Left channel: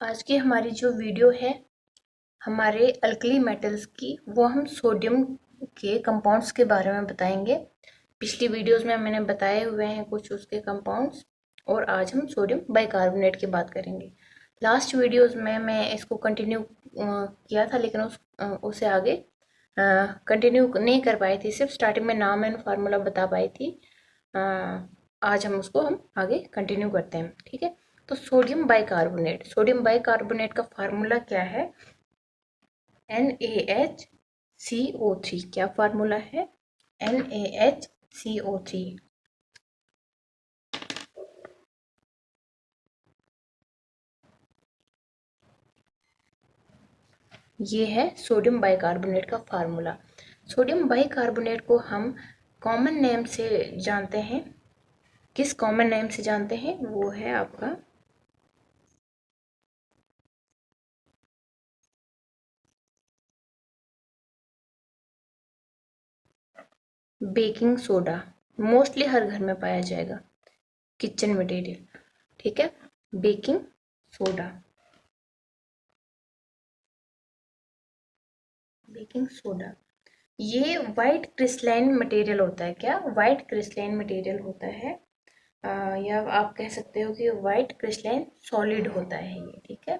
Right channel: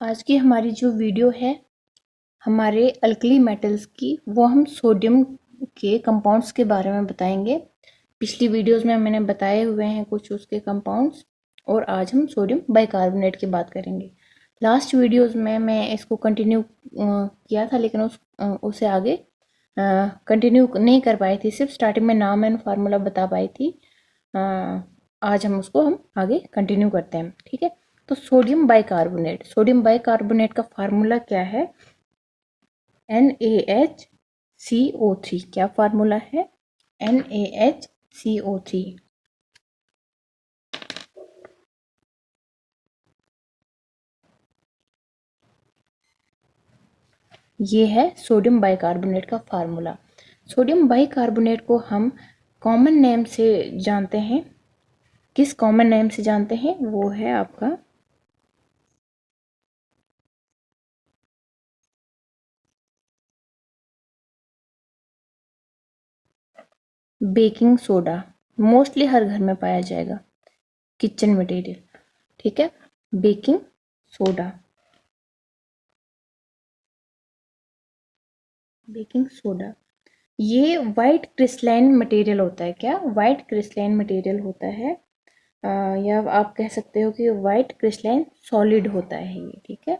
आज की हमारी जो वीडियो है हमारे अल्कली मेटल्स की, वो हम सोडियम के कंपाउंड्स के बारे में बताएंगे। पिछली वीडियोस में मैंने बताए हुए हैं कुछ उसके कंपाउंड्स, और आज हम सोडियम बाइकार्बोनेट की बात करेंगे। लास्ट वीडियोस में मैं इसको कंटिन्यू किया था, लेकिन उससे आगे कंटिन्यू नहीं कर पाई थी, सिर्फ स्टार्टिंग में नाम एंड फार्मूला बता पाई थी। आज हम आगे कंटिन्यू करते हैं, ठीक है। तो सोडियम बाइकार्बोनेट का फार्मूला क्या है? NaHCO3। क्या फार्मूला है? NaHCO3। ये है सोडियम बाइकार्बोनेट का फार्मूला। सोडियम बाइकार्बोनेट को हम कॉमन नेम से जानते हैं। किस कॉमन नेम से जानते हैं? वो है आपका बेकिंग सोडा। मोस्टली हर घर में पाया जाएगा, किचन मटेरियल, ठीक है। Baking soda, baking soda. ये वाइट क्रिस्टलाइन मटेरियल होता है। क्या? वाइट क्रिस्टलाइन मटेरियल होता है, या आप कह सकते हो कि वाइट क्रिस्टलाइन सॉलिड होता है ये, ठीक है।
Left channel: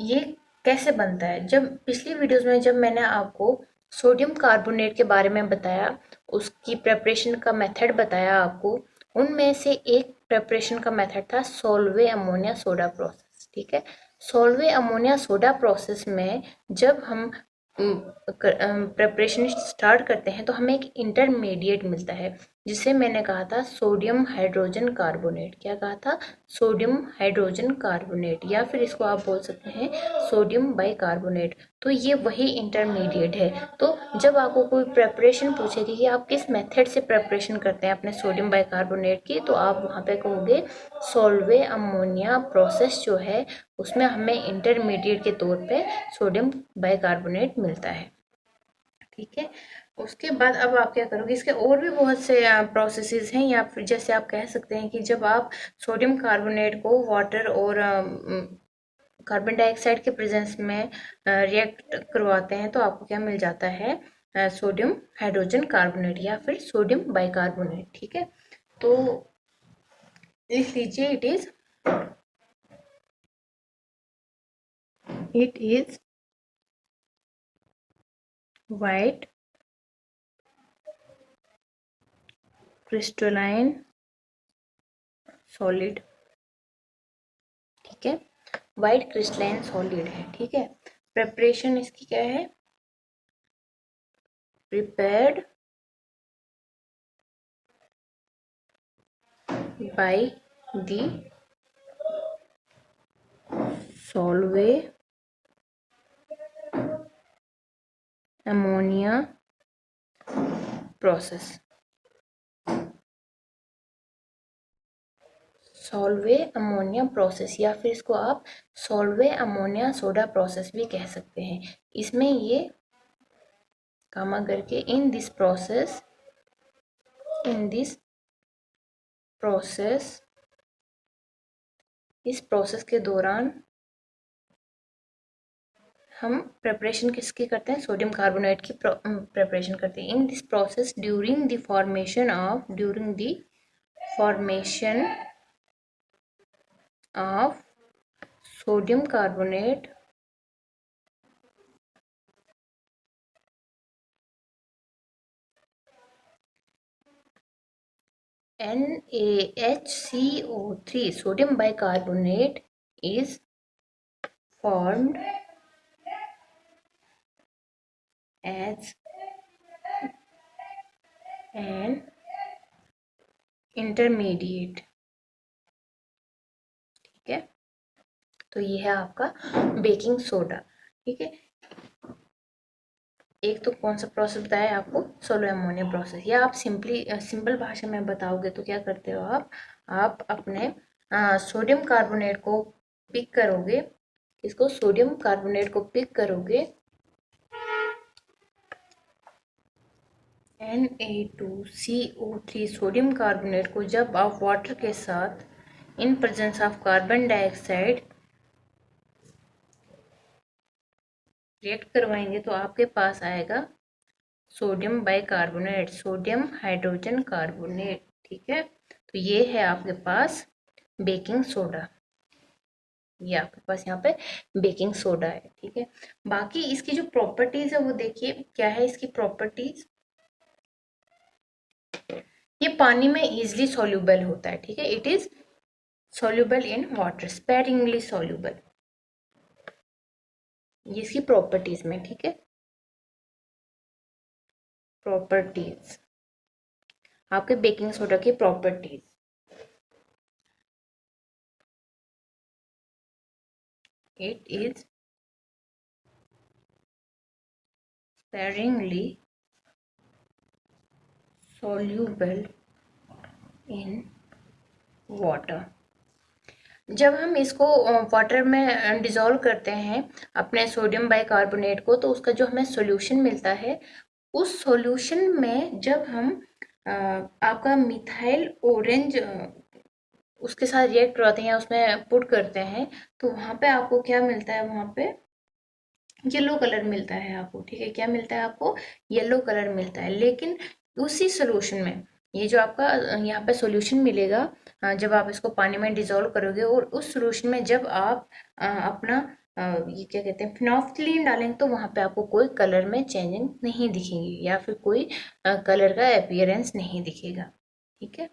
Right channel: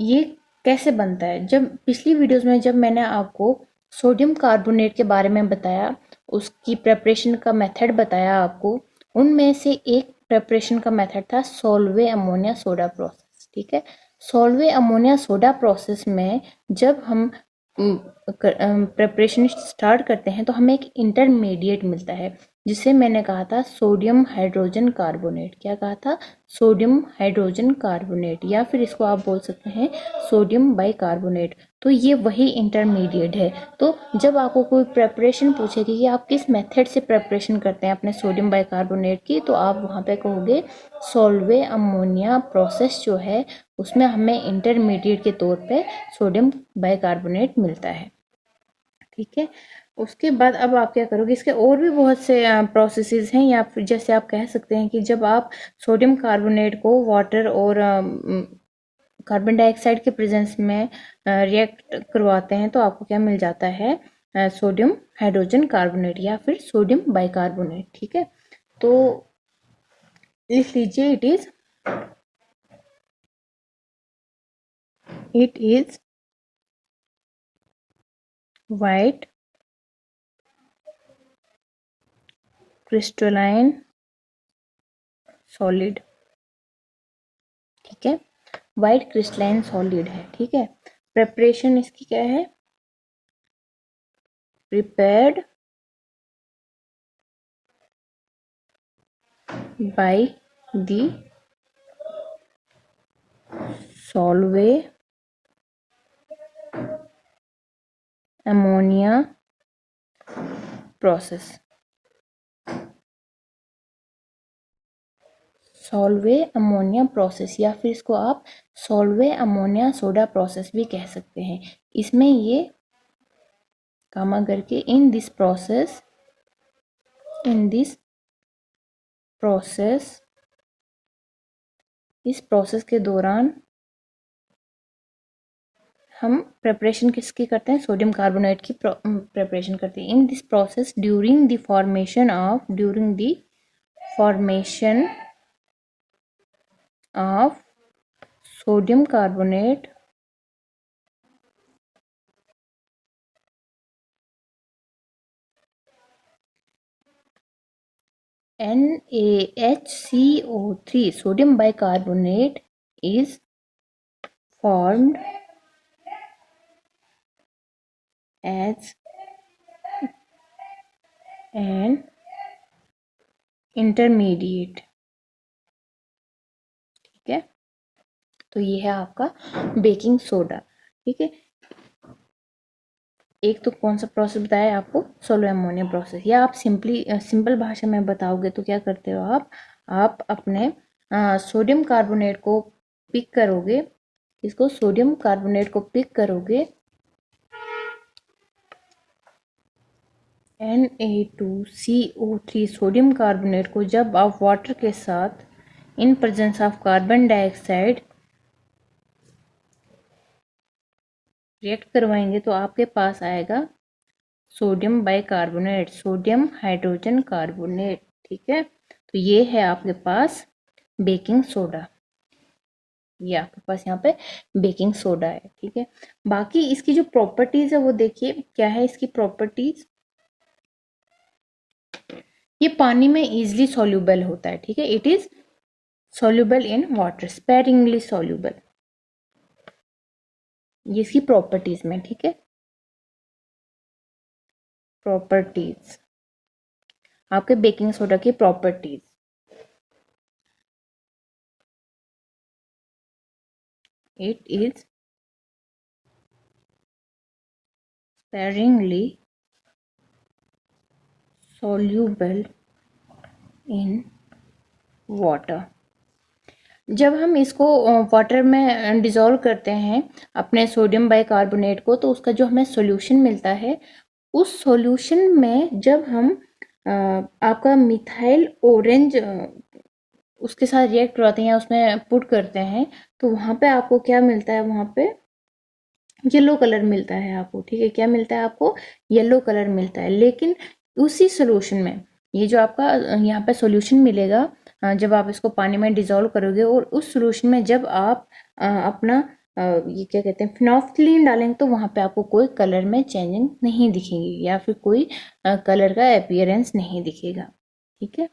ये कैसे बनता है? जब पिछली वीडियोस में जब मैंने आपको सोडियम कार्बोनेट के बारे में बताया, उसकी प्रेपरेशन का मेथड बताया आपको, उनमें से एक प्रेपरेशन का मेथड था सोलवे अमोनिया सोडा प्रोसेस, ठीक है। सोलवे अमोनिया सोडा प्रोसेस में जब हम प्रेपरेशन स्टार्ट करते हैं तो हमें एक इंटरमीडिएट मिलता है, जिसे मैंने कहा था सोडियम हाइड्रोजन कार्बोनेट। क्या कहा था? सोडियम हाइड्रोजन कार्बोनेट, या फिर इसको आप बोल सकते हैं सोडियम बाइकार्बोनेट। तो ये वही इंटरमीडिएट है। तो जब आपको कोई प्रेपरेशन पूछेगी कि आप किस मेथड से प्रेपरेशन करते हैं अपने सोडियम बाइकार्बोनेट की, तो आप वहाँ पे कहोगे सोलवे अमोनिया प्रोसेस जो है उसमें हमें इंटरमीडिएट के तौर पे सोडियम बाइकार्बोनेट मिलता है, ठीक है। उसके बाद अब आप क्या करोगे? इसके और भी बहुत से प्रोसेसेस हैं, या फिर जैसे आप कह सकते हैं कि जब आप सोडियम कार्बोनेट को वाटर और कार्बन डाइऑक्साइड के प्रेजेंस में रिएक्ट करवाते हैं तो आपको क्या मिल जाता है? सोडियम हाइड्रोजन कार्बोनेट या फिर सोडियम बाइकार्बोनेट, ठीक है। तो लिख लीजिए, it is white crystalline solid, ठीक है। वाइट क्रिस्टलाइन सॉलिड है, ठीक है। प्रेपरेशन इसकी क्या है? Prepared by the Solvay ammonia process. Solvay ammonia process, या फिर इसको आप सॉल्वे अमोनिया सोडा प्रोसेस भी कह सकते हैं। इसमें ये कामा करके इन दिस प्रोसेस इस प्रोसेस के दौरान हम प्रेपरेशन किसकी करते हैं? सोडियम कार्बोनेट की प्रेपरेशन करते हैं। In this process during the formation of sodium carbonate NaHCO3 sodium bicarbonate is formed as an intermediate, ठीक है। तो ये है आपका बेकिंग सोडा, ठीक है। एक तो कौन सा प्रोसेस बताया आपको? Solo ammonia process. या आप सिंपल भाषा में बताओगे तो क्या करते हो आप अपने सोडियम कार्बोनेट को पिक करोगे। इसको सोडियम कार्बोनेट को पिक करोगे Na2CO3 सोडियम कार्बोनेट को जब आप वाटर के साथ in presence of carbon dioxide react करवाएंगे तो आपके पास आएगा sodium bicarbonate, sodium hydrogen carbonate. ठीक है, तो ये है आपके पास बेकिंग सोडा, ये आपके पास यहाँ पे बेकिंग सोडा है। ठीक है, बाकी इसकी जो प्रॉपर्टीज है वो देखिए क्या है इसकी प्रॉपर्टीज। ये पानी में इजीली सॉल्युबल होता है। ठीक है, it is soluble in water, sparingly soluble, ये इसकी प्रॉपर्टीज में। ठीक है, प्रॉपर्टीज, आपके बेकिंग सोडा की properties, it is sparingly soluble in water। जब हम इसको वाटर में डिजोल्व करते हैं अपने सोडियम बाइकार्बोनेट को, तो उसका जो हमें सॉल्यूशन मिलता है, उस सॉल्यूशन में जब हम आपका मिथाइल ऑरेंज उसके साथ रिएक्ट करवाते हैं या उसमें पुट करते हैं, तो वहाँ पे आपको क्या मिलता है, वहाँ पे येलो कलर मिलता है आपको। ठीक है, क्या मिलता है आपको, येलो कलर मिलता है। लेकिन उसी सोल्यूशन में ये जो आपका यहाँ पे सॉल्यूशन मिलेगा, जब आप इसको पानी में डिजोल्व करोगे और उस सॉल्यूशन में जब आप अपना ये क्या कहते हैं फिनोल्फथलीन डालेंगे, तो वहाँ पे आपको कोई कलर में चेंजिंग नहीं दिखेगी या फिर कोई कलर का अपीयरेंस नहीं दिखेगा। ठीक है,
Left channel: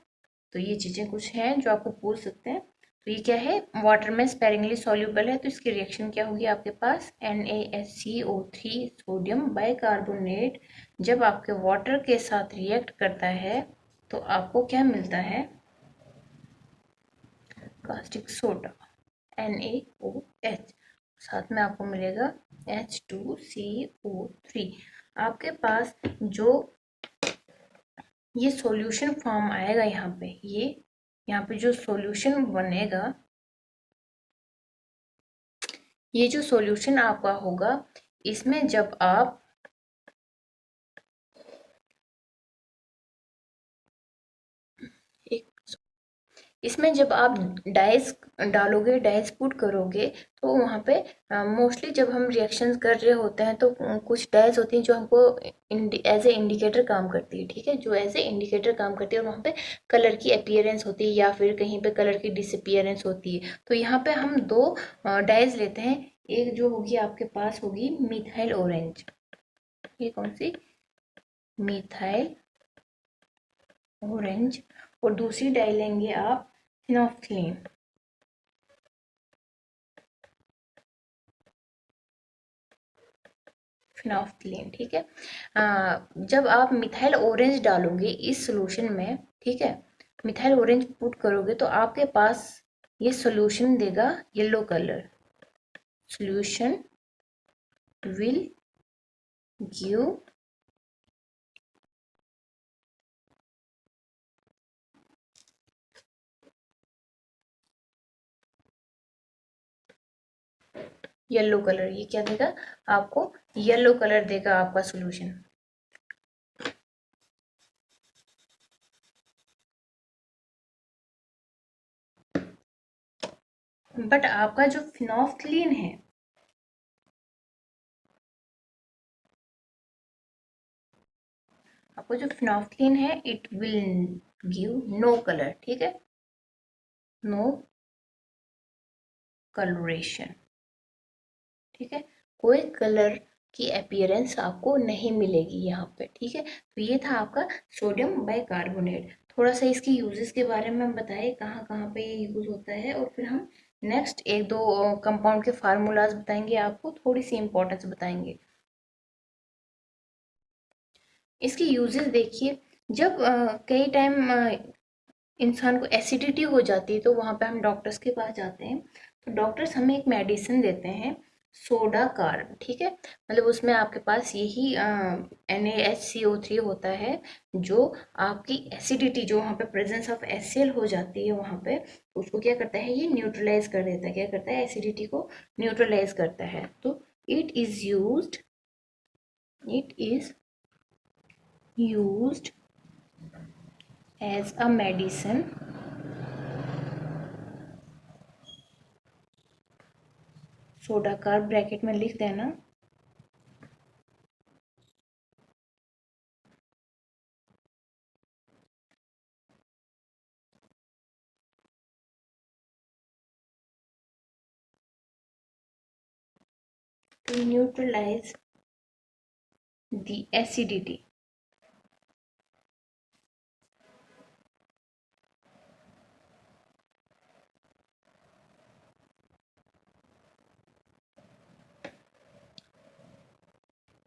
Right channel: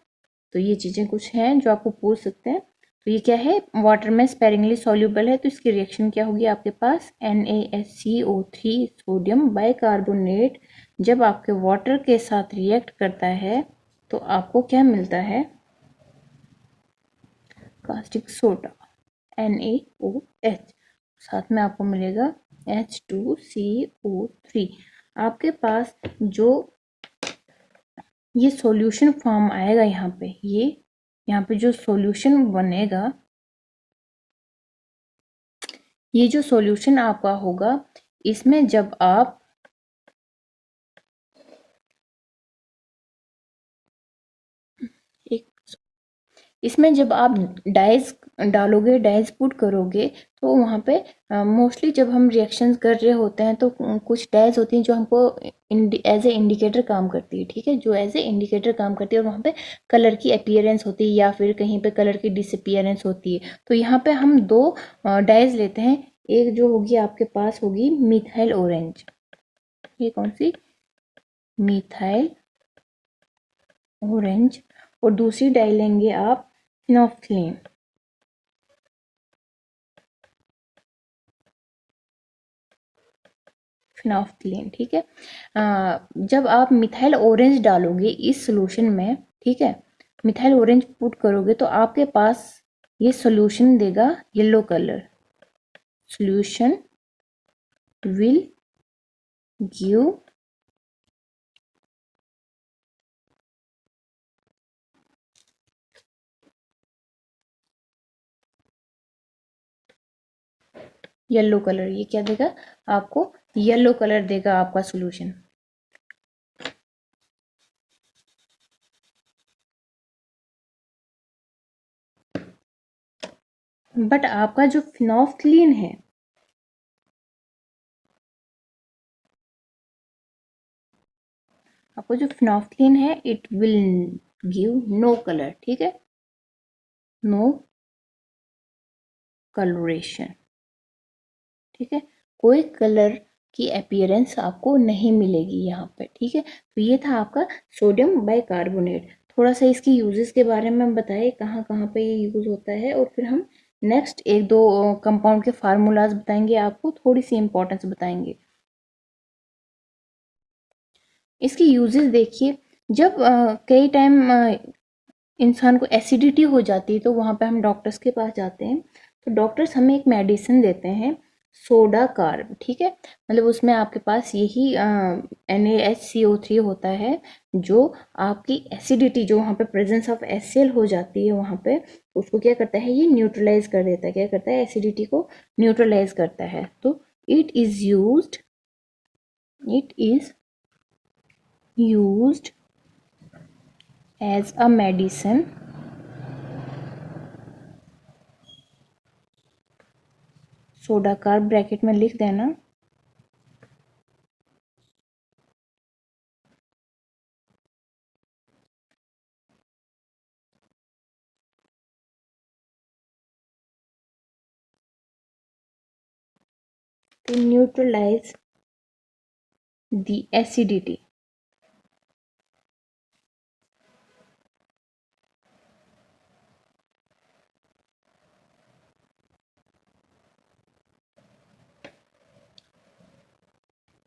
तो ये चीज़ें कुछ हैं जो आपको पूछ सकते हैं। तो ये क्या है, वाटर में स्पेरिंगली सॉल्युबल है, तो इसकी रिएक्शन क्या होगी आपके पास, NaSCO3 सोडियम बाइकार्बोनेट जब आपके वाटर के साथ रिएक्ट करता है तो आपको क्या मिलता है, कास्टिक सोडा NaOH, साथ में आपको मिलेगा H2CO3। आपके पास जो ये सॉल्यूशन फॉर्म आएगा यहाँ पे, ये यहाँ पे जो सॉल्यूशन बनेगा, ये जो सॉल्यूशन आपका होगा, इसमें जब आप एक इसमें जब आप डाइस डालोगे, डाइस पुट करोगे, तो वहाँ पे मोस्टली जब हम रिएक्शंस कर रहे होते हैं तो कुछ डाइस होती हैं जो हमको एज ए इंडिकेटर काम करती है। ठीक है, जो एज ए इंडिकेटर काम करती है और वहाँ पे कलर की अपीयरेंस होती है या फिर कहीं पे कलर की डिसअपीयरेंस होती है। तो यहाँ पे हम दो डाइस लेते हैं, एक जो होगी आपके पास होगी मिथाइल ऑरेंज, ये कौन सी, मिथाइल ऑरेंज, और दूसरी डाई लेंगे आप फिनोल्फथलीन, फिनोल्फथलीन। ठीक है, जब आप मिथाइल ऑरेंज डालोगे इस सोल्यूशन में, ठीक है, मिथाइल ऑरेंज पुट करोगे तो आपके पास ये सोल्यूशन देगा yellow colour, solution will give yellow colour, ये क्या देगा आपको, येलो कलर देगा आपका सोल्यूशन। बट आपका जो फिनोल्फथलीन है, आपको जो फिनोल्फथलीन है, it will give no colour. ठीक है, नो कलरेशन। ठीक है, कोई कलर की अपीयरेंस आपको नहीं मिलेगी यहाँ पे। ठीक है, तो ये था आपका सोडियम बाइकार्बोनेट। थोड़ा सा इसकी यूजेस के बारे में बताइए, कहाँ कहाँ पे ये यूज होता है, और फिर हम नेक्स्ट एक दो कंपाउंड के फार्मूलाज बताएंगे, आपको थोड़ी सी इंपॉर्टेंस बताएंगे। इसकी यूजेस देखिए, जब कई टाइम इंसान को एसिडिटी हो जाती है तो वहाँ पे हम डॉक्टर्स के पास जाते हैं, तो डॉक्टर्स हमें एक मेडिसिन देते हैं सोडा कार्ब। ठीक है, मतलब उसमें आपके पास यही NaSCO3 होता है, जो आपकी एसिडिटी जो वहाँ पे प्रेजेंस ऑफ HCl हो जाती है वहाँ पे, उसको क्या करता है, ये न्यूट्रलाइज कर देता है, क्या करता है, एसिडिटी को न्यूट्रलाइज करता है। तो it is used, it is used as a medicine, soda carb bracket में लिख देना, to neutralize the acidity.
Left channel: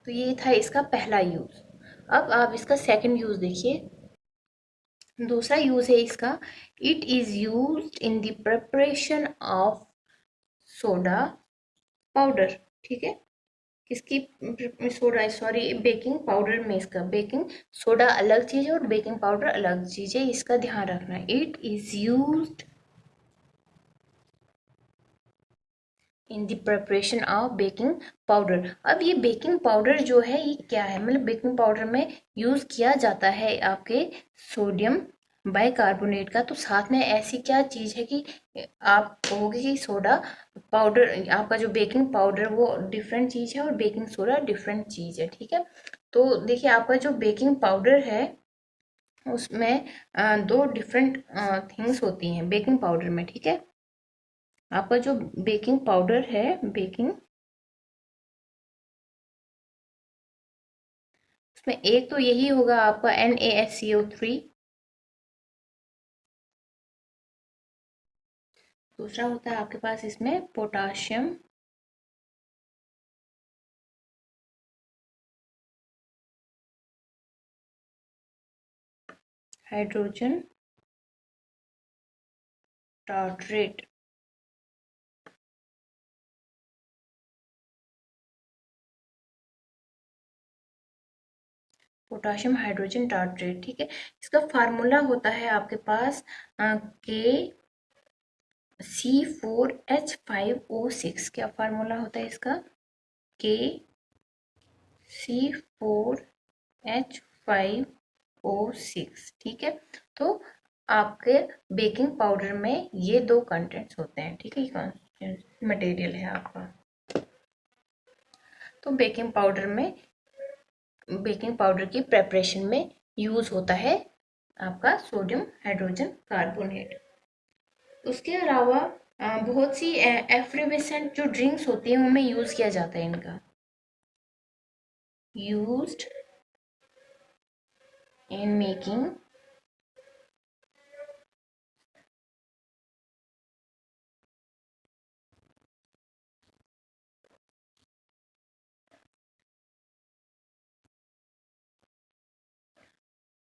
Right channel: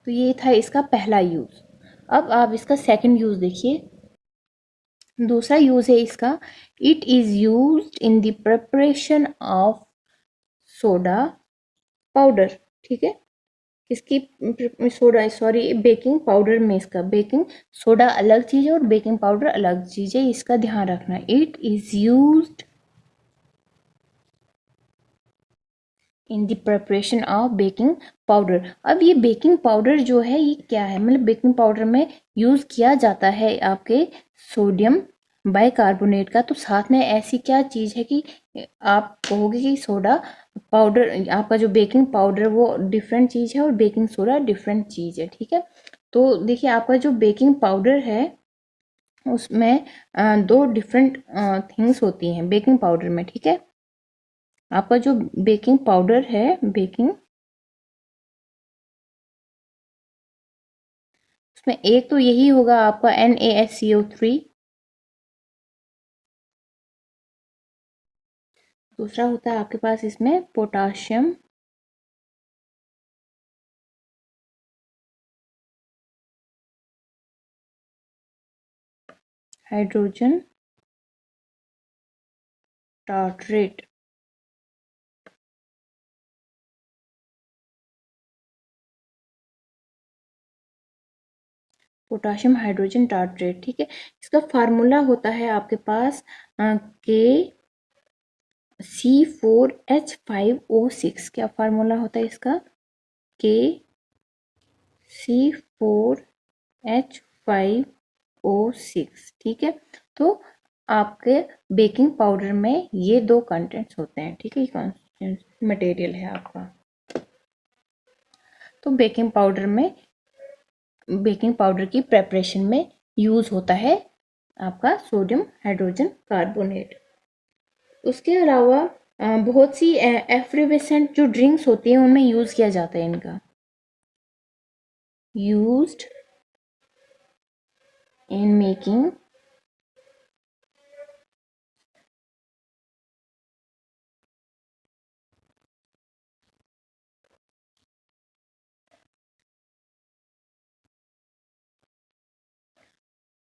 तो ये था इसका पहला यूज। अब आप इसका सेकंड यूज देखिए। दूसरा यूज है इसका, it is used in the preparation of soda powder. ठीक है, किसकी सोडा, सॉरी बेकिंग पाउडर में, इसका बेकिंग सोडा अलग चीज है और बेकिंग पाउडर अलग चीज है, इसका ध्यान रखना। It is used in the preparation of baking powder. अब ये बेकिंग पाउडर जो है ये क्या है, मतलब बेकिंग पाउडर में यूज किया जाता है आपके सोडियम बाइकार्बोनेट का। तो साथ में ऐसी क्या चीज है कि आप कहोगे कि सोडा पाउडर, आपका जो बेकिंग पाउडर वो डिफरेंट चीज है और बेकिंग सोडा डिफरेंट चीज है। ठीक है, तो देखिए आपका जो बेकिंग पाउडर है उसमें दो डिफरेंट थिंग्स होती हैं बेकिंग पाउडर में। ठीक है, आपका जो बेकिंग पाउडर है, बेकिंग, उसमें एक तो यही होगा आपका NaSCO3, दूसरा होता है आपके पास इसमें potassium hydrogen tartrate. Potassium hydrogen tartrate, ठीक है, इसका फार्मूला होता है आपके पास KC4H5O6। क्या फार्मूला होता है इसका? KC4H5O6। ठीक है, तो आपके बेकिंग पाउडर में ये दो कंटेंट्स होते हैं। ठीक है, ये मटेरियल है आपका। तो बेकिंग पाउडर की प्रेपरेशन में यूज होता है आपका सोडियम हाइड्रोजन कार्बोनेट। उसके अलावा बहुत सी एफ्रिवेसेंट जो ड्रिंक्स होती है उनमें यूज किया जाता है इनका। यूज्ड इन मेकिंग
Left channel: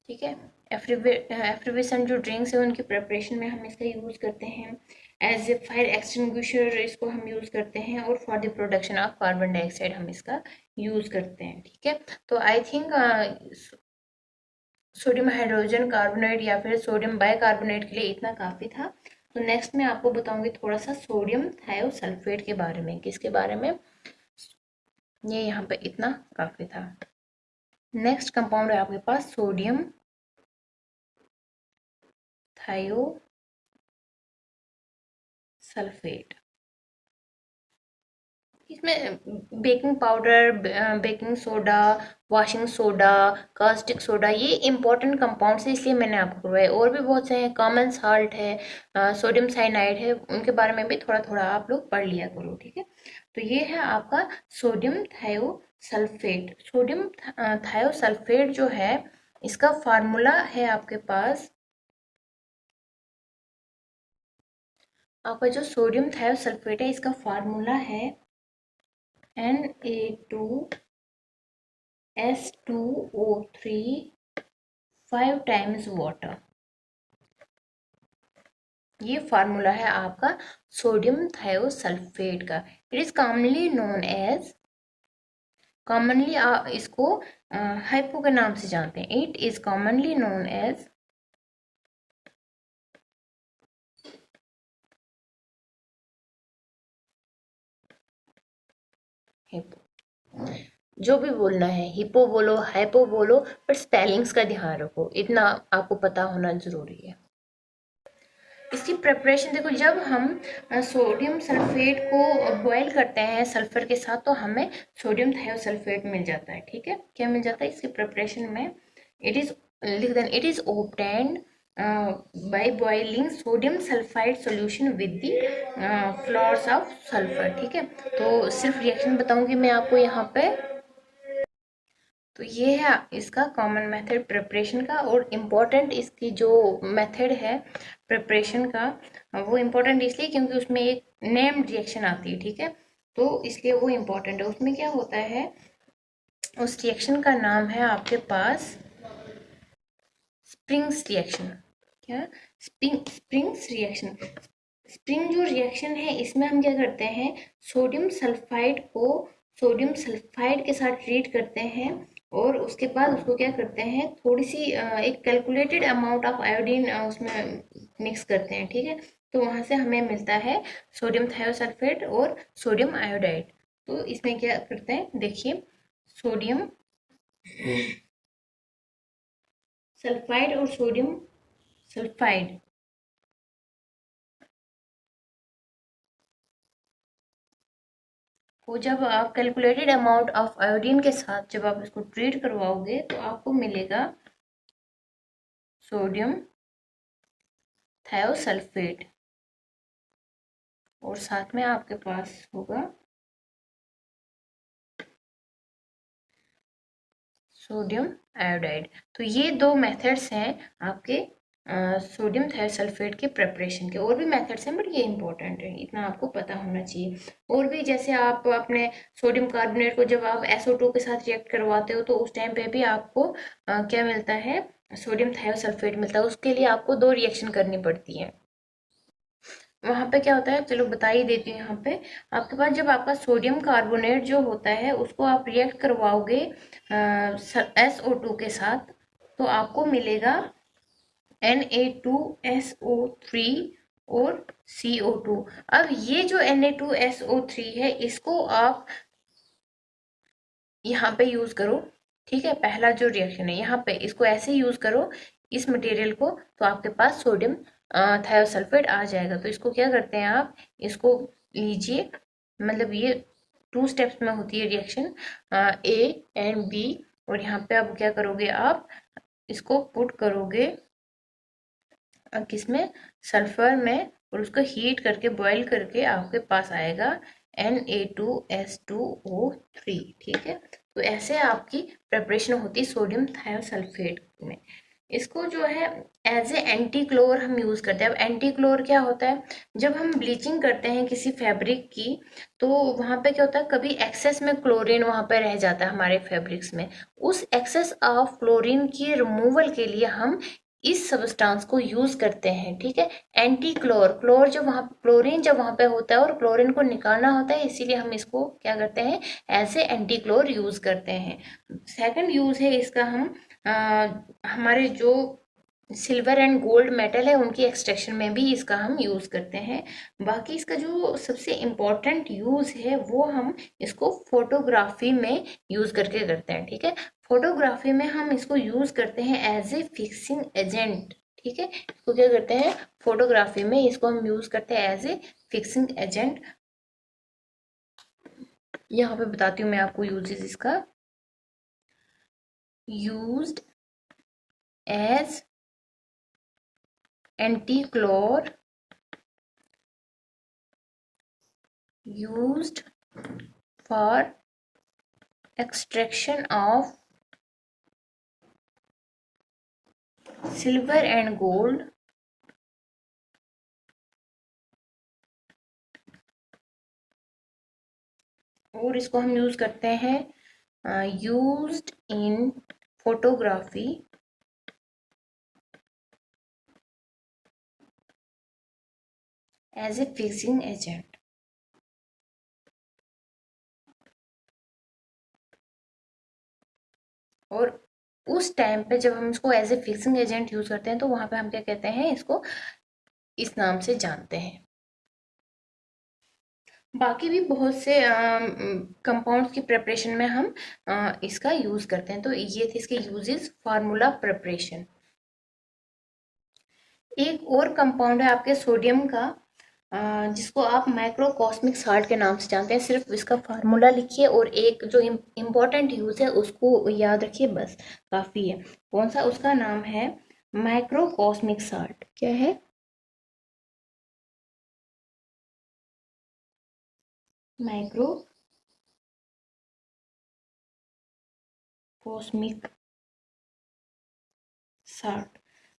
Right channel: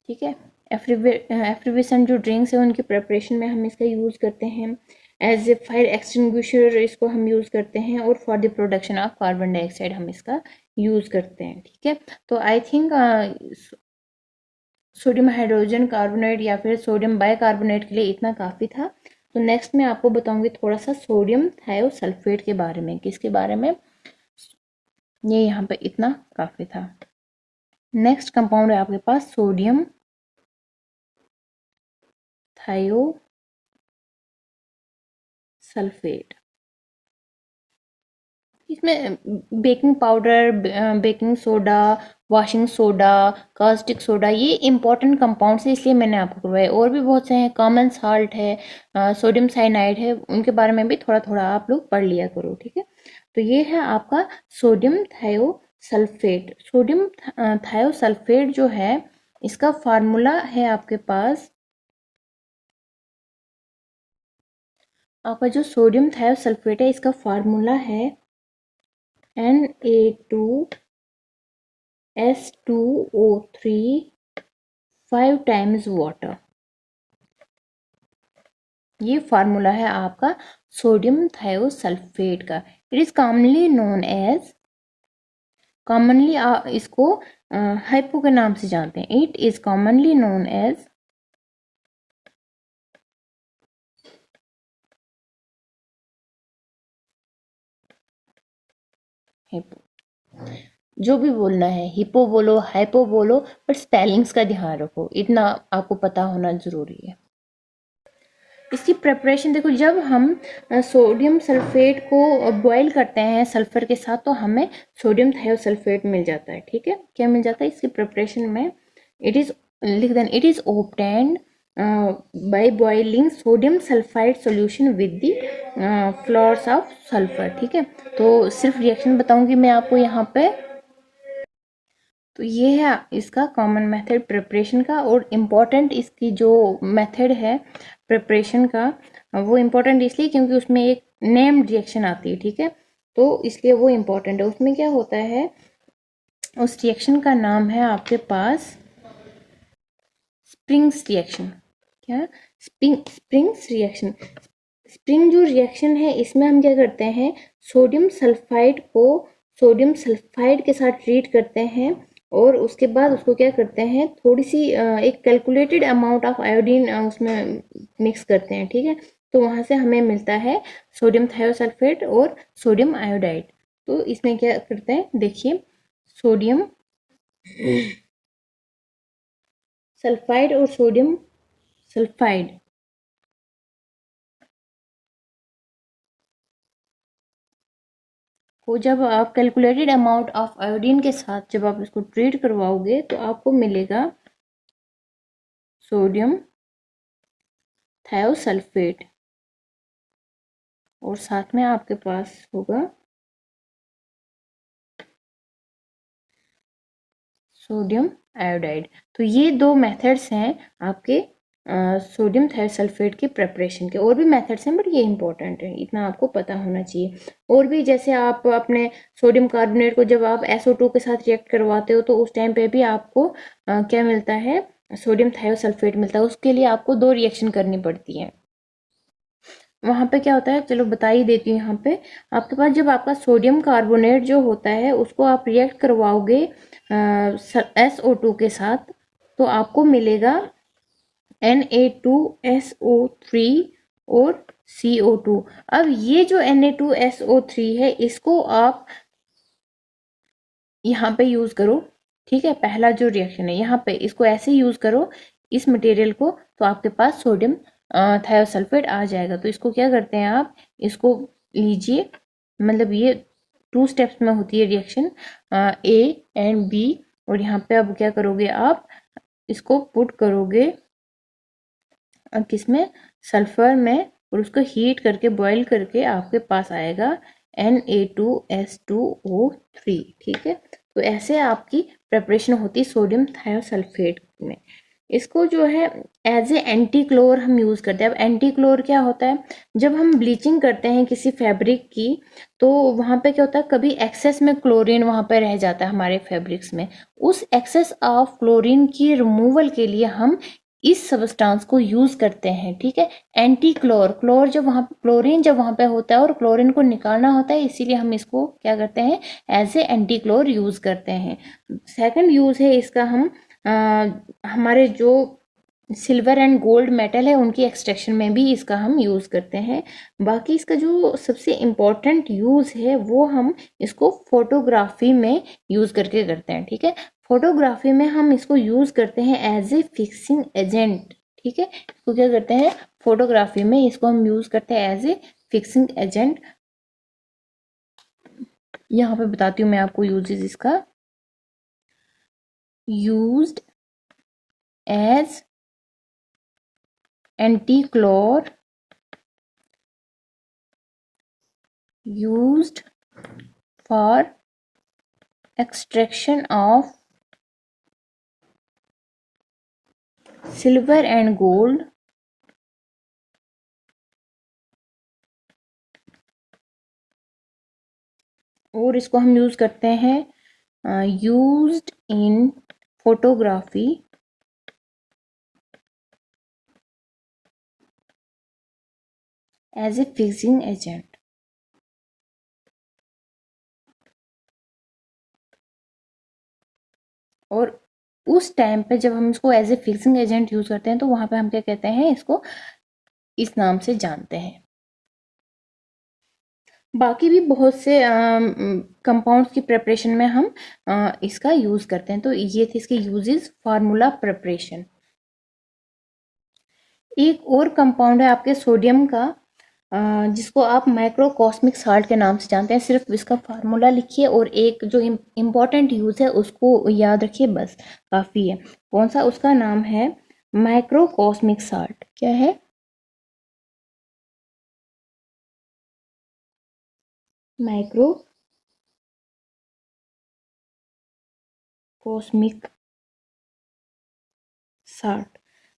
ठीक है, एफ्रिवेसेंट जो ड्रिंक्स है उनकी प्रिपरेशन में हम इसका यूज़ करते हैं। एज ए फायर एक्सटिंग्विशर इसको हम यूज़ करते हैं, और for the production of carbon dioxide हम इसका यूज़ करते हैं। ठीक है, तो I think sodium hydrogen carbonate या फिर सोडियम बाइकार्बोनेट के लिए इतना काफ़ी था। तो नेक्स्ट मैं आपको बताऊंगी थोड़ा सा सोडियम थायोसल्फेट के बारे में। किसके बारे में? ये यहाँ पे इतना काफ़ी था। नेक्स्ट कंपाउंड है आपके पास सोडियम थायोसल्फेट। इसमें baking powder, baking soda, washing soda, caustic soda, ये इंपॉर्टेंट कंपाउंड्स है, इसलिए मैंने आपको करवाया। और भी बहुत से हैं, कॉमन साल्ट है, सोडियम साइनाइड है, उनके बारे में भी थोड़ा थोड़ा आप लोग पढ़ लिया करो। ठीक है, तो ये है आपका सोडियम थायोसल्फेट। सोडियम थायोसल्फेट जो है इसका फार्मूला है आपके पास, आपका जो सोडियम थायोसल्फेट है इसका फार्मूला है Na2S2O3 5 टाइम्स वाटर। ये फार्मूला है आपका सोडियम थायोसल्फेट का। It is commonly known as, commonly इसको हाइपो के नाम से जानते हैं। It is commonly known as hypo. जो भी बोलना है, हिपो बोलो, हाइपो बोलो, पर स्पेलिंग्स का ध्यान रखो, इतना आपको पता होना जरूरी है। इसकी प्रिपरेशन देखो, जब हम सोडियम सल्फेट को बॉईल करते हैं सल्फर के साथ तो हमें सोडियम थायोसल्फेट मिल जाता है। ठीक है, क्या मिल जाता है इसकी प्रिपरेशन में? इट इज लिख देना, it is obtained by boiling sodium sulphide solution with the floors of sulphur. ठीक है, तो सिर्फ रिएक्शन बताऊंगी मैं आपको यहाँ पे। तो ये है इसका कॉमन मेथड प्रिपरेशन का, और इम्पॉर्टेंट इसकी जो मेथड है प्रिपरेशन का, वो इम्पोर्टेंट इसलिए क्योंकि उसमें एक नेम रिएक्शन आती है। ठीक है, तो इसलिए वो इम्पोर्टेंट है। उसमें क्या होता है, उस रिएक्शन का नाम है आपके पास स्प्रिंग्स रिएक्शन। क्या? Springs reaction. स्प्रिंग जो रिएक्शन है, इसमें हम क्या करते हैं, सोडियम सल्फाइड को सोडियम सल्फाइड के साथ ट्रीट करते हैं, और उसके बाद उसको क्या करते हैं, थोड़ी सी एक कैलकुलेटेड अमाउंट ऑफ आयोडीन उसमें मिक्स करते हैं। ठीक है, तो वहां से हमें मिलता है सोडियम थायोसल्फेट और सोडियम आयोडाइड। तो इसमें क्या करते हैं, देखिए, सोडियम सल्फाइड और सोडियम सल्फाइड को जब आप कैलकुलेटेड अमाउंट ऑफ आयोडीन के साथ जब आप इसको ट्रीट करवाओगे, तो आपको मिलेगा सोडियम थायोसल्फेट, और साथ में आपके पास होगा सोडियम आयोडाइड। तो ये दो मेथड्स हैं आपके सोडियम थायोसल्फेट के प्रिपरेशन के। और भी मेथड्स हैं, बट ये इंपॉर्टेंट है, इतना आपको पता होना चाहिए। और भी जैसे आप अपने सोडियम कार्बोनेट को जब आप SO2 के साथ रिएक्ट करवाते हो, तो उस टाइम पे भी आपको क्या मिलता है, सोडियम थायोसल्फेट मिलता है। उसके लिए आपको दो रिएक्शन करनी पड़ती है। वहां पे क्या होता है, चलो बता ही देती हूँ। यहाँ पे आपके पास जब आपका सोडियम कार्बोनेट जो होता है, उसको आप रिएक्ट करवाओगे SO2 के साथ, तो आपको मिलेगा Na2SO3 और CO2। अब ये जो Na2SO3 है, इसको आप यहाँ पे यूज करो। ठीक है, पहला जो रिएक्शन है यहाँ पे, इसको ऐसे यूज करो इस मटेरियल को, तो आपके पास सोडियम थायोसल्फेट आ जाएगा। तो इसको क्या करते हैं, आप इसको लीजिए, मतलब ये 2 स्टेप्स में होती है रिएक्शन, A एंड B। और यहाँ पे अब क्या करोगे, आप इसको पुट करोगे किसमें, सल्फर में, और उसको हीट करके बॉईल करके आपके पास आएगा Na2S2O3। ठीक है, तो ऐसे आपकी प्रिपरेशन होती है सोडियम थायोसल्फेट में। इसको जो है एज ए एंटी क्लोर हम यूज करते हैं। अब एंटी क्लोर क्या होता है, जब हम ब्लीचिंग करते हैं किसी फैब्रिक की, तो वहां पे क्या होता है, कभी एक्सेस में क्लोरीन वहां पे रह जाता है हमारे फैब्रिक्स में। उस एक्सेस ऑफ क्लोरीन की रिमूवल के लिए हम इस सब्सटेंस को यूज करते हैं। ठीक है, एंटी क्लोर, क्लोर जब वहां क्लोरीन जब वहां पे होता है और क्लोरीन को निकालना होता है, इसीलिए हम इसको क्या करते हैं, एज ए एंटी क्लोर यूज करते हैं। सेकंड यूज है इसका, हम हमारे जो सिल्वर एंड गोल्ड मेटल है, उनकी एक्सट्रैक्शन में भी इसका हम यूज करते हैं। बाकी इसका जो सबसे इम्पोर्टेंट यूज है, वो हम इसको फोटोग्राफी में यूज करके करते हैं। ठीक है, फोटोग्राफी में हम इसको यूज करते हैं एज ए फिक्सिंग एजेंट। ठीक है, इसको क्या करते हैं, फोटोग्राफी में इसको हम यूज करते हैं एज ए फिक्सिंग एजेंट। यहाँ पे बताती हूँ मैं आपको यूजेस इसका। Used as antichlor, used for extraction of silver and gold, और इसको हम यूज करते हैं used in photography as a fixing agent. और उस टाइम पे जब हम इसको as a fixing agent use करते हैं, तो वहां पे हम क्या कहते हैं, इसको इस नाम से जानते हैं। बाकी भी बहुत से कंपाउंड्स की प्रिपरेशन में हम इसका यूज करते हैं। तो ये थे इसके यूजेस, फार्मूला प्रिपरेशन। एक और कंपाउंड है आपके सोडियम का, जिसको आप माइक्रोकॉस्मिक साल्ट के नाम से जानते हैं। सिर्फ इसका फार्मूला लिखिए और एक जो इम्पोर्टेंट यूज है उसको याद रखिए, बस काफी है। कौन सा, उसका नाम है माइक्रोकॉस्मिक साल्ट क्या है? माइक्रोकॉस्मिक साल्ट।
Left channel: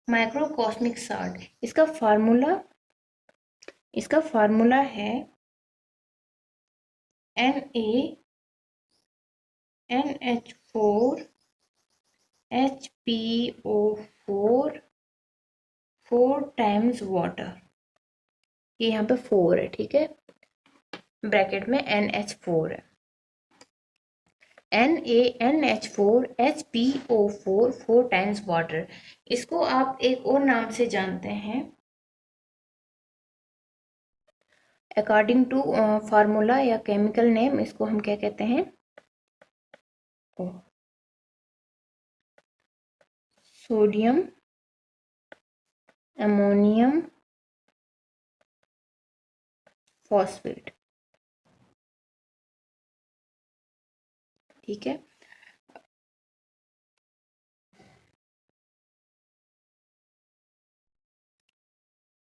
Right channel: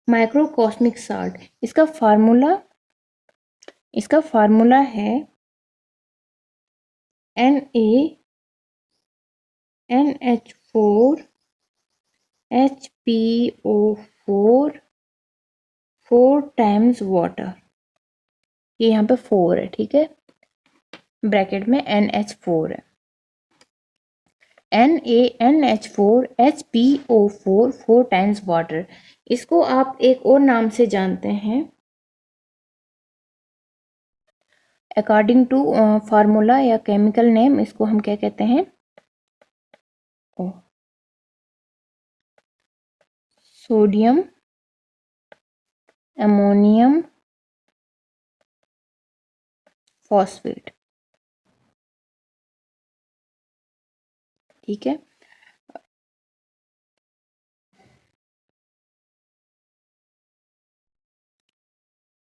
माइक्रोकॉस्मिक साल्ट, इसका फार्मूला है NaNH4 HPO4 4 टाइम्स वाटर। ये यहाँ पे 4 है, ठीक है, ब्रैकेट में NH4 है। NaNH4 HPO4 4 times water. इसको आप एक और नाम से जानते हैं, अकॉर्डिंग टू फार्मूला या केमिकल नेम, इसको हम क्या कहते हैं? सोडियम अमोनियम फॉस्फेट, ठीक है।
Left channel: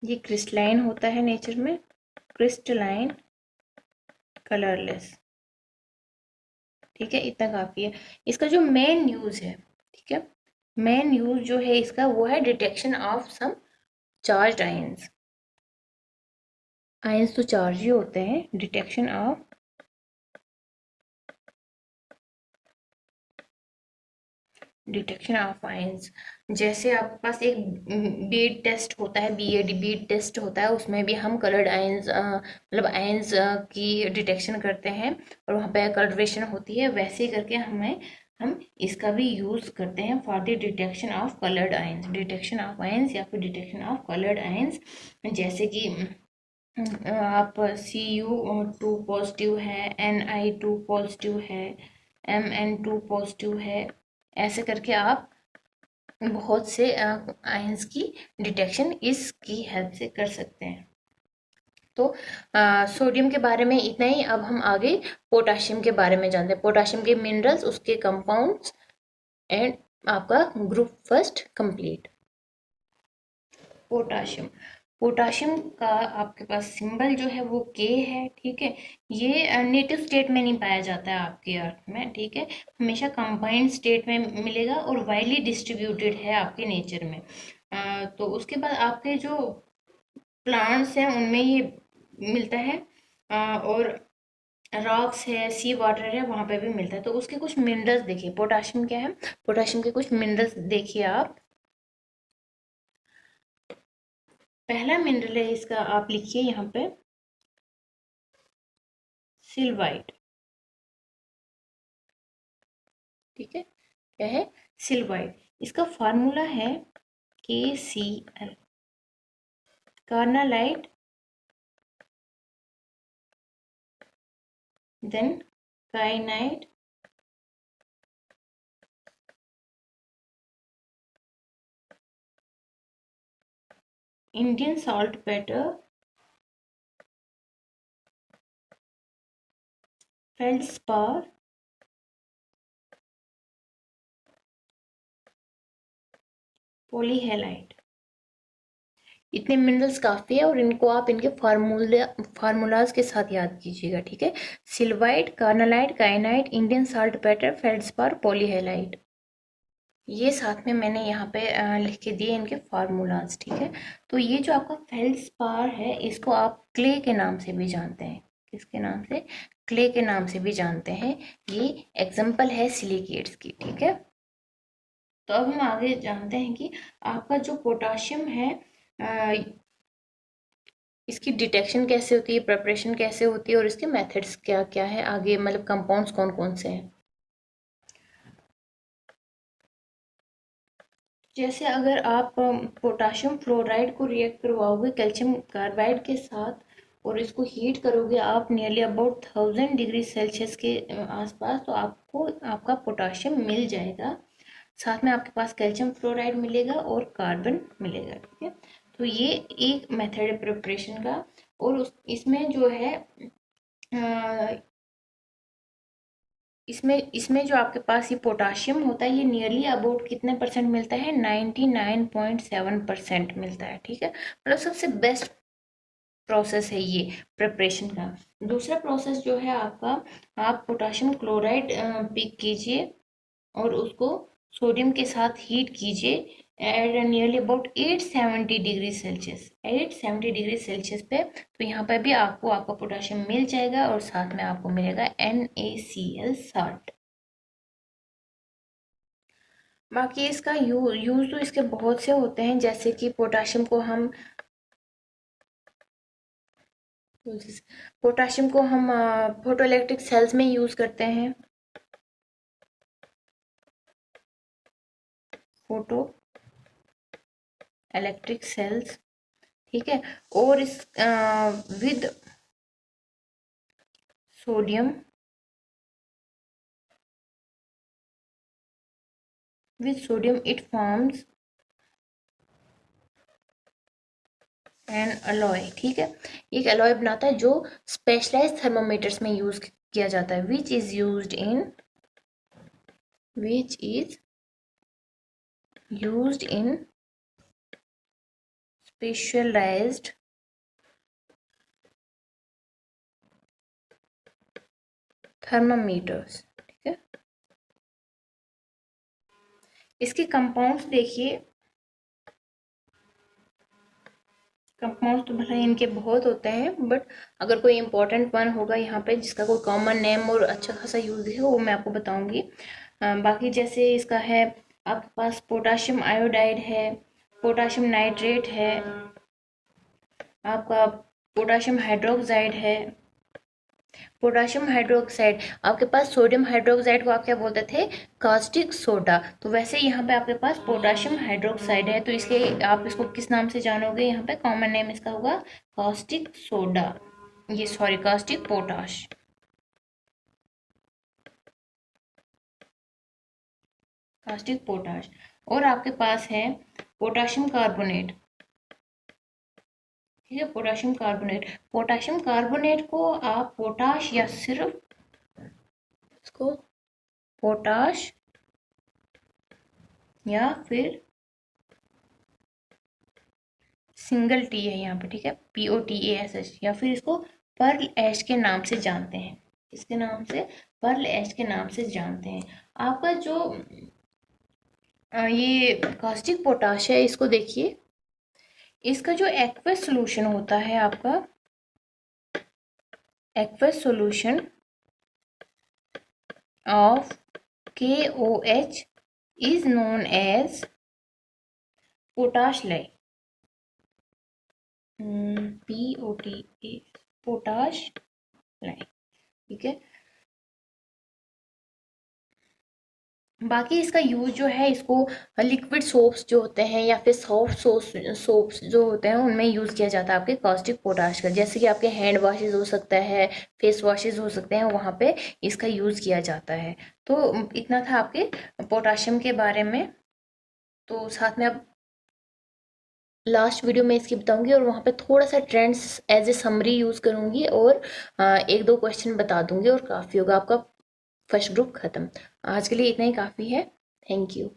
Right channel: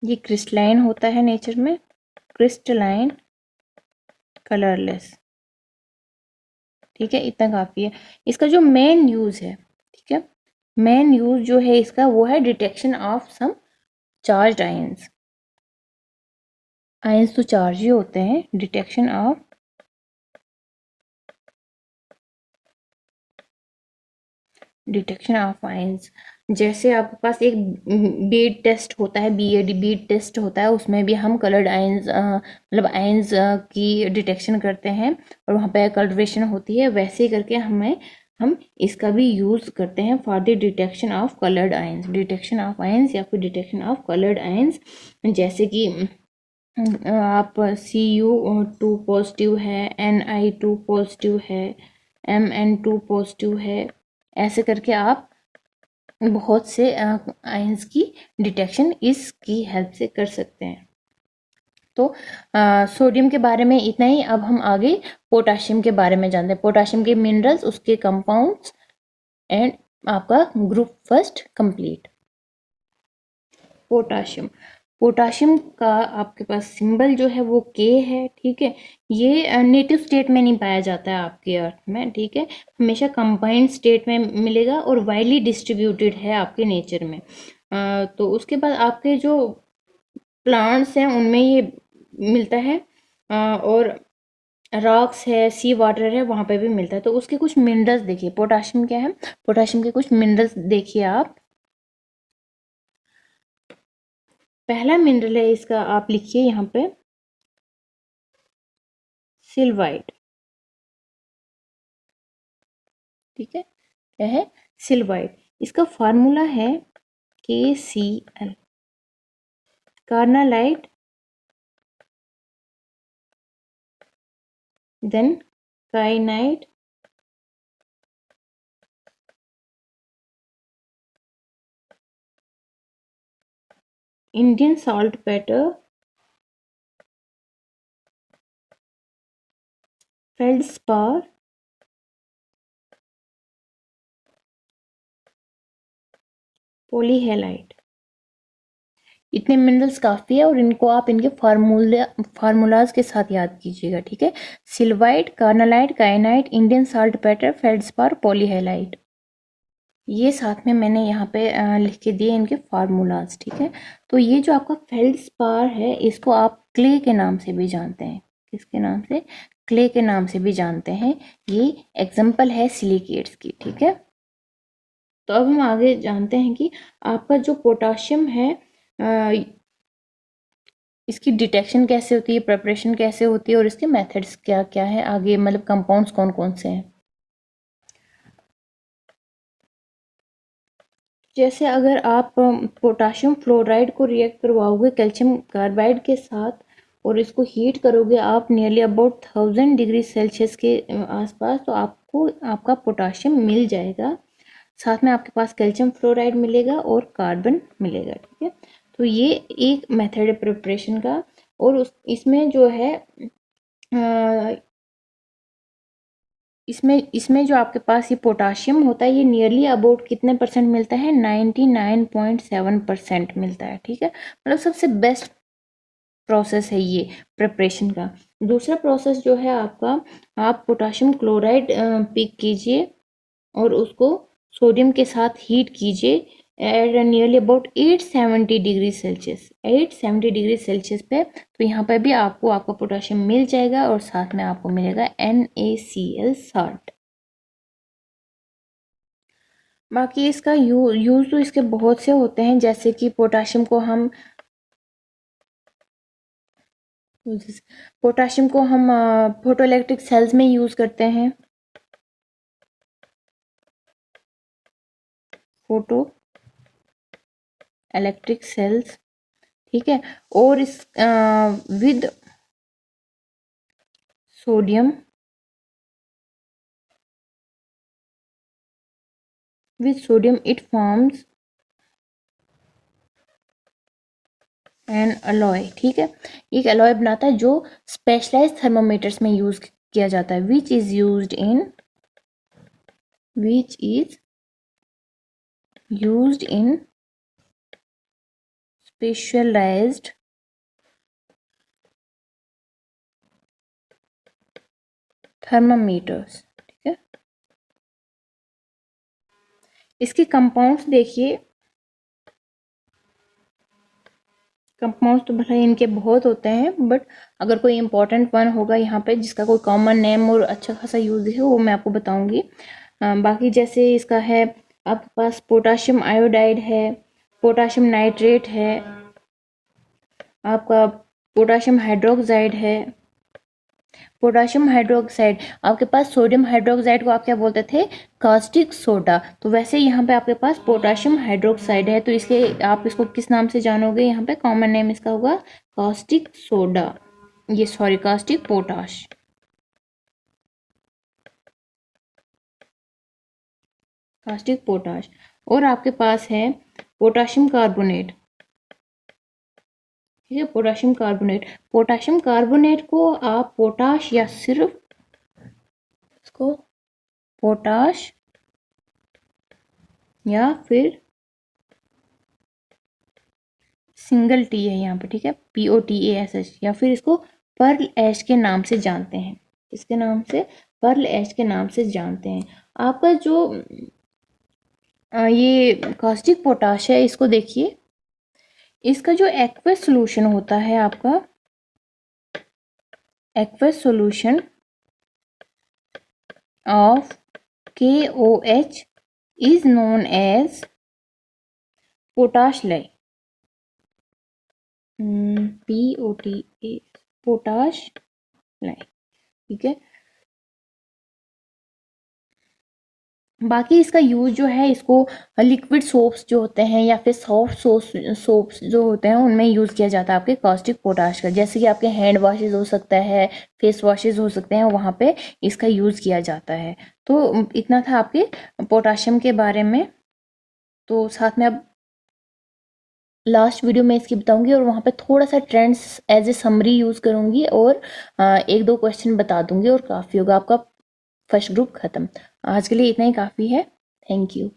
ये क्रिस्टलाइन होता है नेचर में, क्रिस्टलाइन कलरलेस, ठीक है, इतना काफी है। इसका जो मेन यूज है, ठीक है, मेन यूज जो है इसका वो है detection of some charged ions. Ions तो चार्ज ही होते हैं, डिटेक्शन ऑफ आयंस। जैसे आपके पास एक बीड टेस्ट होता है, बीएडी बीड टेस्ट होता है, उसमें भी हम कलर्ड आयंस मतलब आयंस की डिटेक्शन करते हैं और वहाँ पे कलरेशन होती है। वैसे ही करके हम इसका भी यूज करते हैं for the detection of coloured ions, detection of ions या फिर डिटेक्शन ऑफ कलर्ड आयंस। जैसे कि आप Cu2 पॉजिटिव है, Ni2 पॉजिटिव है, Mn2 पॉजिटिव है, ऐसे करके आप बहुत से आयंस की डिटेक्शन इसकी हेल्प से कर सकते हैं। तो सोडियम के बारे में इतना ही। अब हम आगे पोटाशियम के बारे में जानते हैं, पोटाशियम के मिनरल्स, उसके कंपाउंड्स एंड आपका group first complete. Potassium, potassium का आपके पास सिंबल जो है वो के है, ठीक है। ये नेटिव स्टेट में नहीं पाया जाता है आपके अर्थ में, ठीक है, हमेशा कंबाइंड स्टेट में मिलेगा और वाइडली डिस्ट्रीब्यूटेड है आपके नेचर में। तो उसके बाद आपके जो प्लांट्स हैं उनमें ये मिलता है, और रॉक्स है, सी वाटर है, वहां पे भी मिलता है। तो उसके कुछ मिनरल्स देखिए, पोटाशियम क्या है, पोटाशियम के कुछ मिनरल्स देखिए आप। पहला मिनरल है इसका, आप लिखिए यहाँ पे सिल्वाइट, ठीक है, क्या है? सिल्वाइट। इसका फार्मूला है KCl, carnallite then kainite Indian saltpetre feldspar polyhalite. इतने मिनरल्स काफी है और इनको आप इनके फार्मूलाज के साथ याद कीजिएगा, ठीक है। सिल्वाइट, carnallite, काइनाइट, Indian saltpetre, feldspar, पॉलीहेलाइट, ये साथ में मैंने यहाँ पे लिख के दिए इनके फार्मूलाज, ठीक है। तो ये जो आपका फेल्डस्पार है, इसको आप क्ले के नाम से भी जानते हैं, किसके नाम से? क्ले के नाम से भी जानते हैं। ये एग्जाम्पल है सिलिकेट्स की, ठीक है। तो अब हम आगे जानते हैं कि आपका जो पोटाशियम है, इसकी डिटेक्शन कैसे होती है, प्रिपरेशन कैसे होती है और इसके मेथड्स क्या क्या है, आगे मतलब कंपाउंड्स कौन कौन से हैं। जैसे अगर आप पोटाशियम फ्लोराइड को रिएक्ट करवाओगे कैल्शियम कार्बाइड के साथ और इसको हीट करोगे आप नियरली अबाउट 1000 डिग्री सेल्सियस के आसपास, तो आपको आपका पोटाशियम मिल जाएगा। साथ में आपके पास कैल्शियम फ्लोराइड मिलेगा और कार्बन मिलेगा, ठीक है। तो ये एक मेथड है प्रिपरेशन का। और इसमें जो है इसमें जो आपके पास ये पोटाशियम होता है ये नियरली अबाउट कितने परसेंट मिलता है, 99.7% मिलता है। ठीक है, मतलब सबसे बेस्ट प्रोसेस है ये प्रिपरेशन का। दूसरा प्रोसेस जो है आपका, आप पोटाशियम क्लोराइड पिक कीजिए और उसको सोडियम के साथ हीट कीजिए at nearly about 870 degree Celsius, 870 degree Celsius पे। तो यहाँ पर भी आपको आपका पोटाशियम मिल जाएगा और साथ में आपको मिलेगा NaCl साल्ट। बाकी इसका यूज तो इसके बहुत से होते हैं, जैसे कि पोटाशियम को हम फोटो इलेक्ट्रिक सेल्स में यूज करते हैं, फोटो इलेक्ट्रिक सेल्स। ठीक है, और इस with sodium it forms N alloy. ठीक है, एक अलॉय बनाता है जो स्पेशलाइज्ड थर्मोमीटर्स में यूज किया जाता है, which is used in specialised thermometers. ठीक है, इसके कंपाउंड्स देखिए, कंपाउंड्स तो भले इनके बहुत होते हैं, बट अगर कोई इंपॉर्टेंट वन होगा यहाँ पे जिसका कोई कॉमन नेम और अच्छा खासा यूज है वो मैं आपको बताऊंगी। बाकी जैसे इसका है, आपके पास पोटाशियम आयोडाइड है, पोटाशियम नाइट्रेट है, आपका पोटाशियम हाइड्रोक्साइड है, पोटाशियम हाइड्रोक्साइड। आपके पास सोडियम हाइड्रोक्साइड को आप क्या बोलते थे, कास्टिक सोडा। तो वैसे यहाँ पे आपके पास पोटाशियम हाइड्रोक्साइड है, तो इसलिए आप इसको किस नाम से जानोगे, यहाँ पे कॉमन नेम इसका होगा कास्टिक सोडा, ये sorry caustic potash, caustic potash. और आपके पास है पोटाशियम कार्बोनेट। ठीक है, पोटाशियम कार्बोनेट को आप पोटाश या सिर्फ इसको पोटाश या फिर सिंगल टी है यहाँ पे, ठीक है, POTASH, या फिर इसको पर्ल ऐश के नाम से जानते हैं, इसके नाम से पर्ल ऐश के नाम से जानते हैं। आपका जो ये कास्टिक पोटाश है, इसको देखिए, इसका जो एक्वस सोल्यूशन होता है, आपका aqueous solution of KOH is known as potash lye, POTA, potash lye. ठीक है, बाकी इसका यूज जो है, इसको लिक्विड सोप्स जो होते हैं या फिर सॉफ्ट सोप्स जो होते हैं उनमें यूज किया जाता है आपके कास्टिक पोटाश का, जैसे कि आपके हैंड वॉशेज हो सकता है, फेस वॉशेज हो सकते हैं, वहां पे इसका यूज किया जाता है। तो इतना था आपके पोटाशियम के बारे में। तो साथ में अब लास्ट वीडियो में इसकी बताऊंगी और वहां पे थोड़ा सा trends as a summary use करूंगी और एक दो क्वेश्चन बता दूंगी और काफी होगा, आपका फर्स्ट ग्रुप खत्म। आज के लिए इतना ही काफी है। Thank you.